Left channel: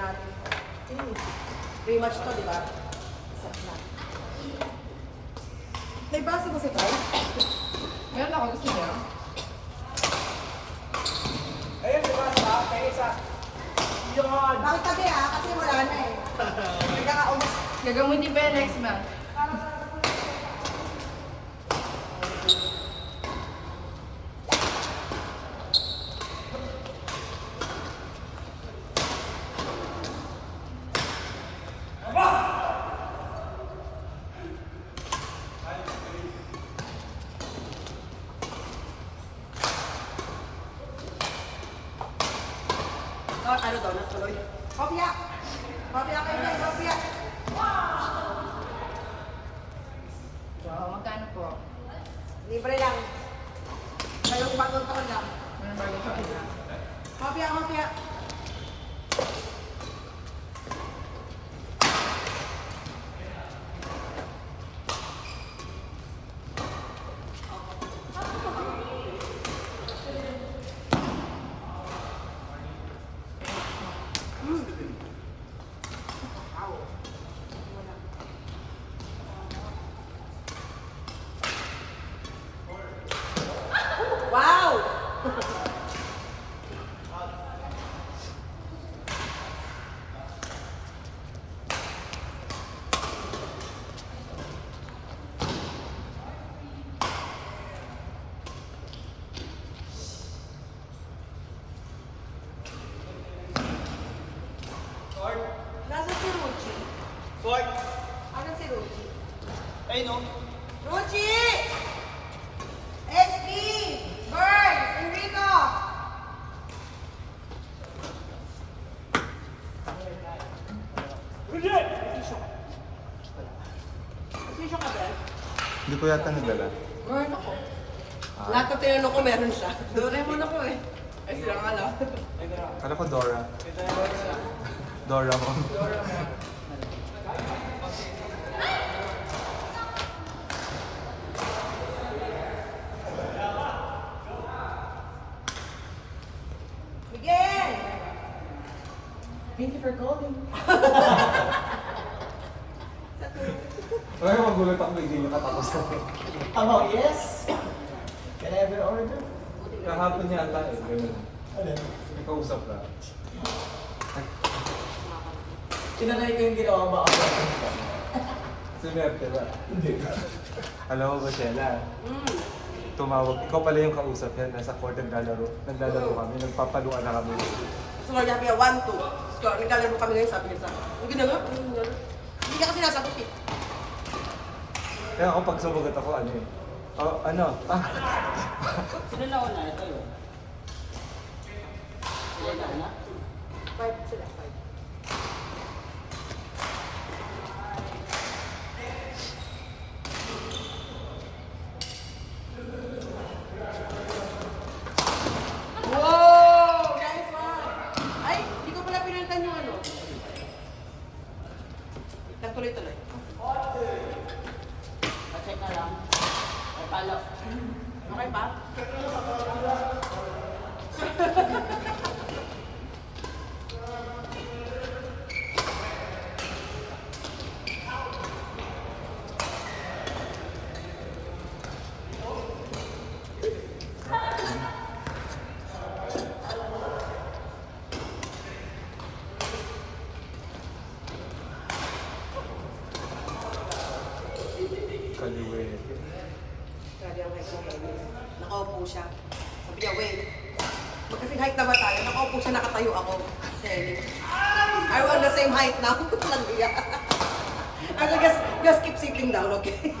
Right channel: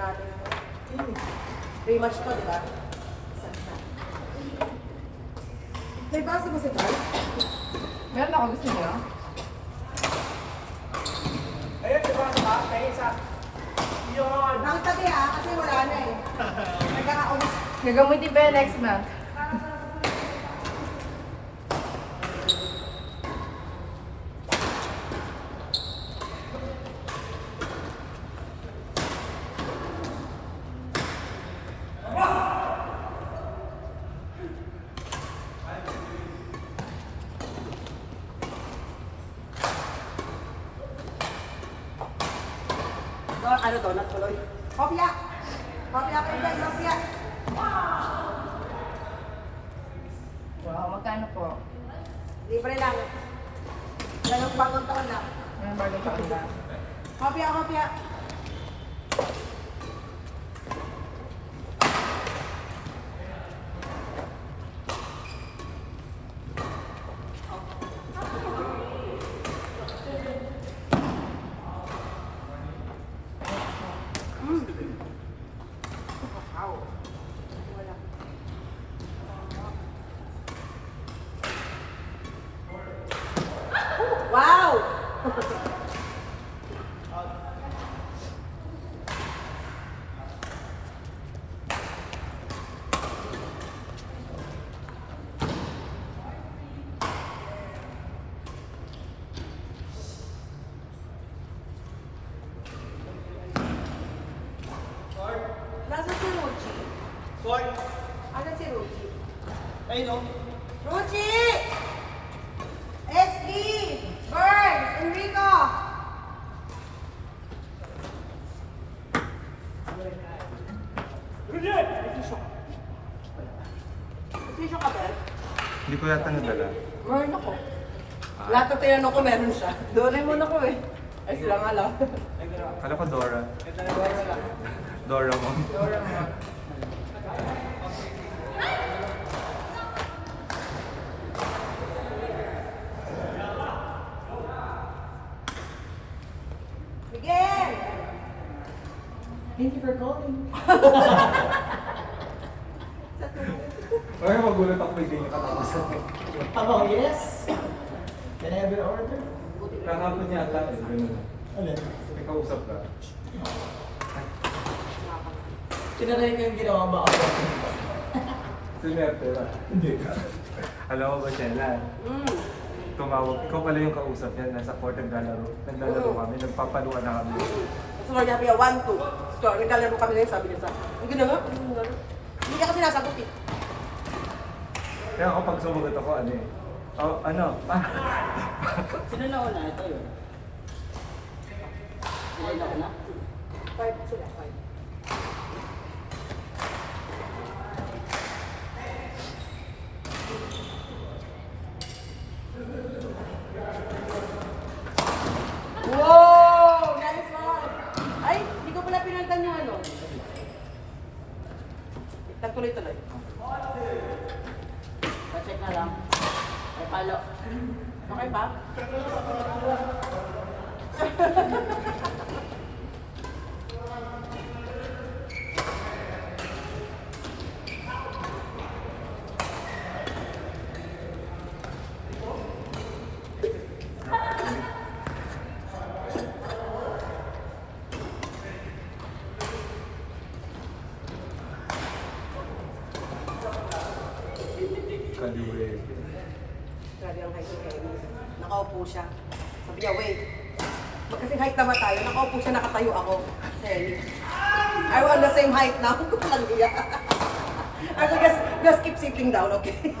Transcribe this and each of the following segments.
natin. Rematch to, di ba? Isang na. Naibasa mo si Carl? Meron ako gusto niyo. Ayun, diba? Kaya isa. Yun. Bakit tabi kasi wala na eh. Nagkakaubos. Gagamitin pa yung next month. Ano daw, natuloy? Kopya! Kopya kayo dyan, kopya! So, magkano po? Libre lang. Ganong bagong taon lang. Meron bago sa pula. Kopya, kopya! Wow! Nasa si Ruchi? Court. Asan si Ruchi? Ayun, no? Ruchi! SD! Burns! Enrico! Bridget! Tissue ka, Ben? Hindi ko yata nagdala. Meron ako. Lahat na tinanong ko meron siya. Doraemon ako eh. Ay, sila nga lang. Kala ko Dora. Dora lang. Doraemon. Doraemon. Miguel! Thank you for calling. Sa tulong. Ay, magulat ako kay Jane katapos na. Hello, yes? Can I have your order? Kahapon niya ata eh. Ganun. Ano? May kausap ka. Tinanay ko yung ginawa mo ako. Si Merte ba? Hindi. Alam mo ba, Shella? Tumawag. Ikaw pala yung kausap niya. Nasa court naglalaro. Naglalaro kami. Nagpapaluan na kami. So, sabi niya, 1, 2. So, naglalaro kami ngayon, sabi niya sa ang gina nga, hindi ka kasi nasagot eh. Kaya ako pag sumagot ako, ano eh. Oh, ano? Sino na una? Ito yun. Sino na una? 5 sila, 5. Wow! Nice one! Ay, hindi ko pala pinantan yung ano. Nagtuloy-tuloy. Pa-check na lang. Ay, palo. Okay ba? Kaliwe. Grabe ang height ni Henry. Nakaupo siya. Sabi niya, wait. Magkasing height na ba tayo? Nakaupo siya, nakatayo ako. Si Henry. Are we on the same height now? Kung lang niya. I said, just keep sitting down, okay?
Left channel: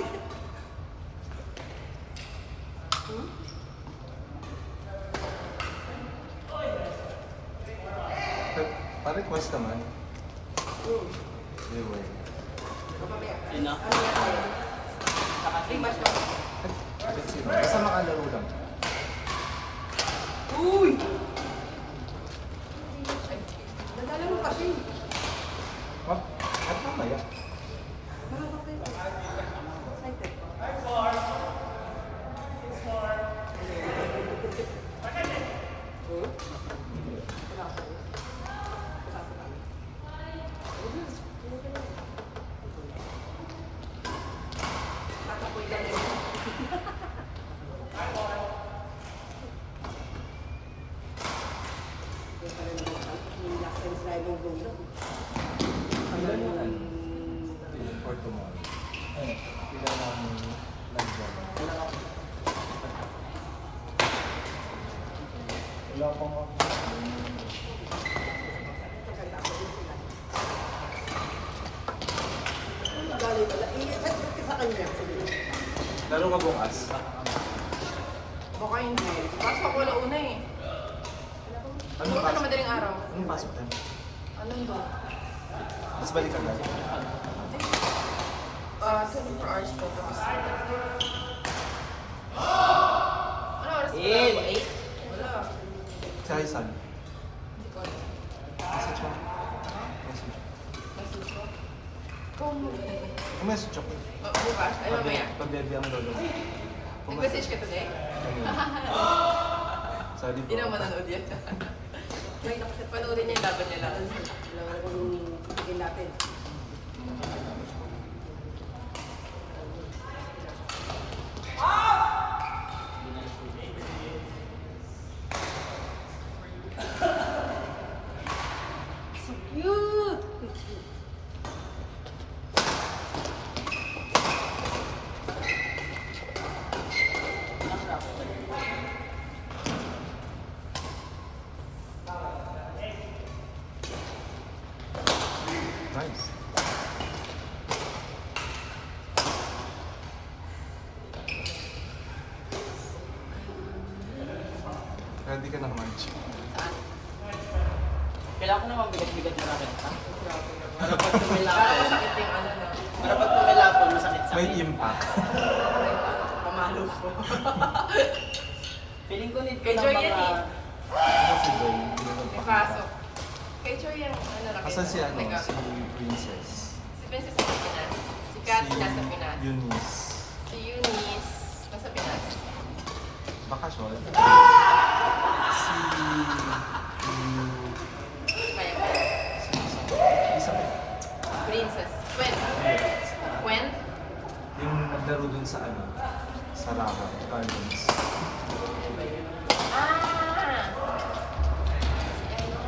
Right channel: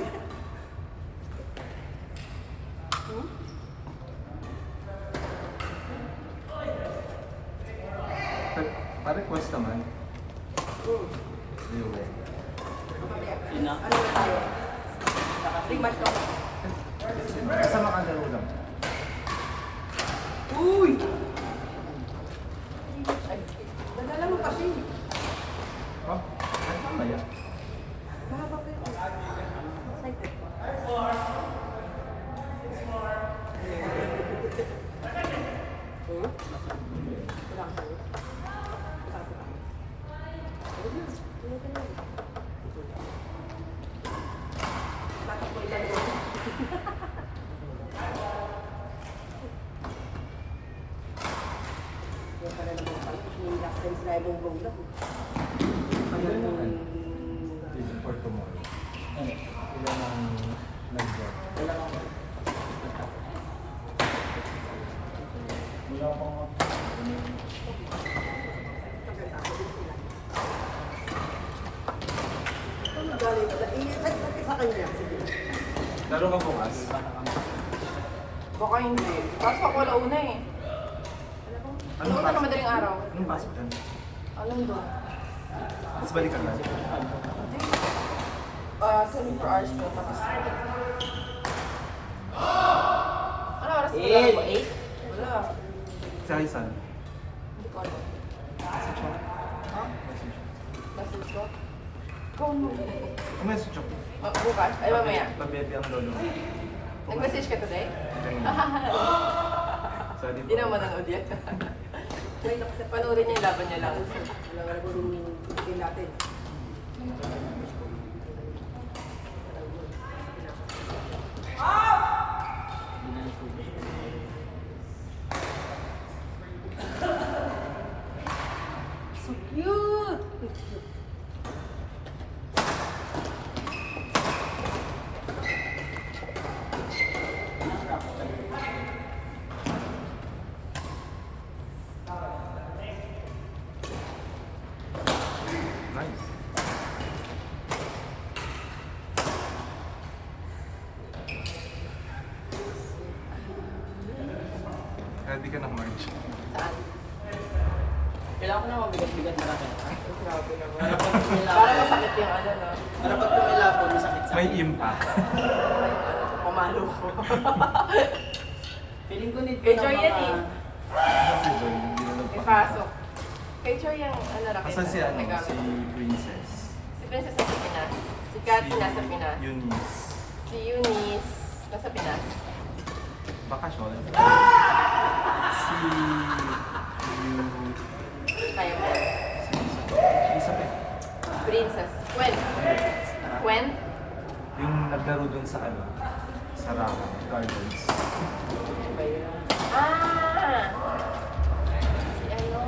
Pare, course naman. Liwe. Mamaya. Sino? Ano na tayo? Saka Three match lang. Basta makalaro lang. Uy! Nadala mo kasi. Oh, mamaya. Mahaba kayo. Excited. Wala ka sabi. Masarap ka. Tatapoy lang yun. Yan pala naman pala. Yung last time sila yung go lang. Tagal yung... For tomorrow. Ano? Ilan ang nandiyan? Wala ako. Wala akong Maganda ako din sila. Ano galing pala? Ba't sa kanya? Laro ka bukas? Baka hindi. Kaso ako wala una eh. Ano Pumunta na madaling araw. Ano pasok ka? Anong doon? Tapos balik ka na. 24 hours po. Tapos... Ano oras ba? 8? Wala. Si Aisan. Hindi ko alam. Message mo. Message ko? Ikaw mo. Ang message ako. Bukas? Ay, mamaya. Pambiyabi ang lolo. Nag-message ka today? Sorry Hindi na manonood yan. May nakasap pa Panoorin niya yung laban nila. wala ko yung tigil natin. So cute! Nice. Ready ka na, March. Saan? Kailangan ko na mabigat-bigat na akin. Para masakit yung ano no? Para pag tumilapon, masakit sa May akin. impact. Pamalo ko. Feeling ko need ko Kay ng Joy yan mga... eh. Kasi doon, hindi na May nagpapasok. pasok. Kay Chor yung ano na Asan si ano? Si Princess. Si Princess nasa Pinas. Si Cathy nasa Pinas. Eunice. Si Eunice nasa Pinas. Bakasyon. Si... Kaya mo. Isabel. Princess. Gwen. Gwen? Yung naglaro dun sa ano? Sa Rama Gardens. Ah! Si ano?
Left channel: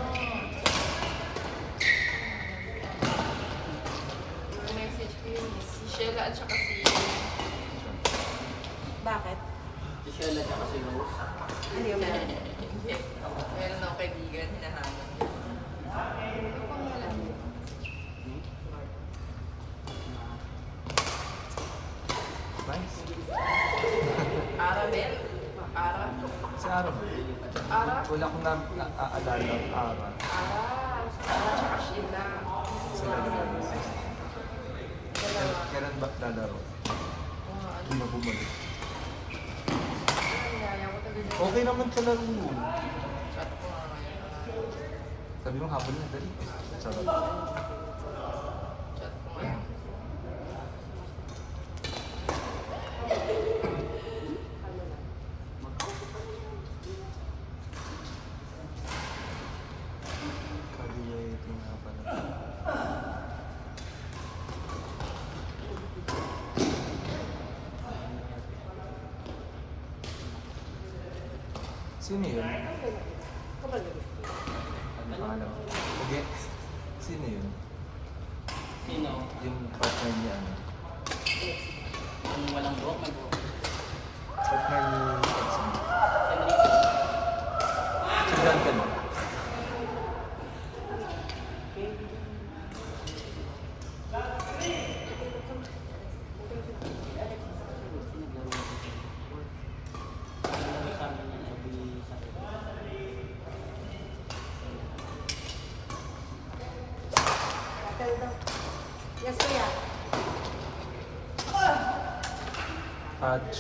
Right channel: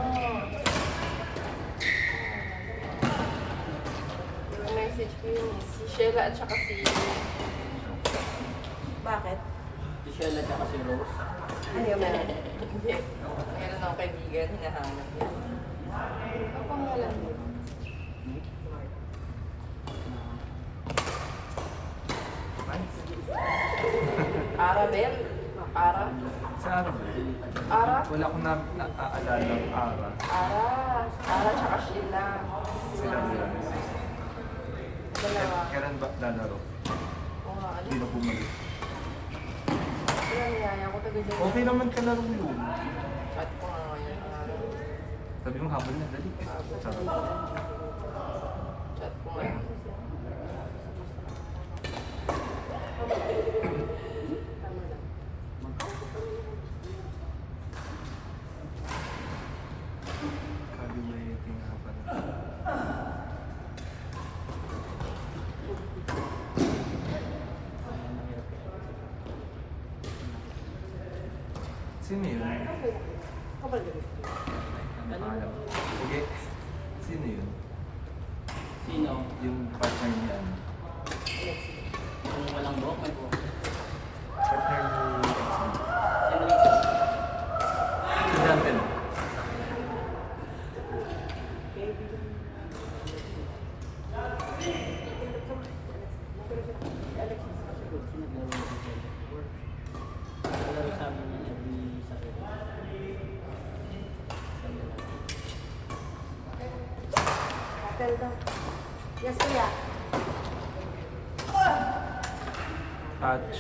Yung message ko yun. Si Sheila at saka si... Bakit? Si Shella at si Rose. Ano yung meron? Hindi. Meron akong kaibigan, hinahanap niya. Ako nga lang. Nice. Ara, Ben? Ara? Si Ara ba? Ara? Wala akong naaalala ng Ara. Ara. Ara tsaka Sheila. Sila nila. Dalawa. Kailan ba lalaro? Oo nga, ano? Hindi ba bumalik? Wala, niyaya ko talaga. Okay naman kalaro yun. Chat ko nga ngayon. Sabi mo habol na, dali. Sabi ko. Chat ko nga. Tama lang. Sabi niya ito nga pala. Sino yun? Kapal na gusto. Ano? Okay. Sino yun? Sino? Yung partner niya. Ano? Yung walang buhok, may buhok. Partner ni Exxon. Enrico. Si Brandon. Pinaglaro ko siya. Pinaglaro sa amin yan every Saturday. Tell daw. Yes, kuya. Patch.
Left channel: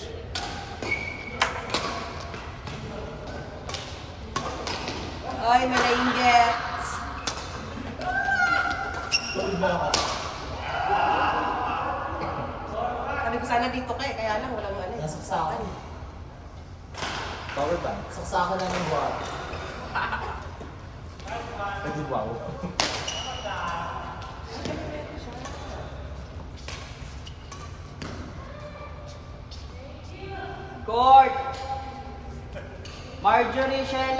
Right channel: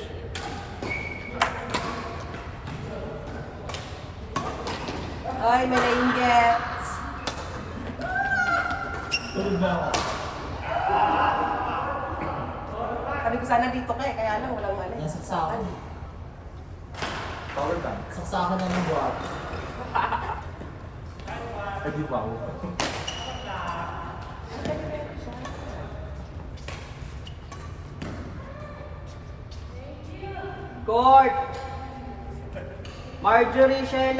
Ay, may nainggets. Sabi ko sana dito ka eh, kaya lang walang ano eh. Nasaksakan. Power bank. Saksakan na ng buhok. Ay, di wow. Court! Marjorie Sheila!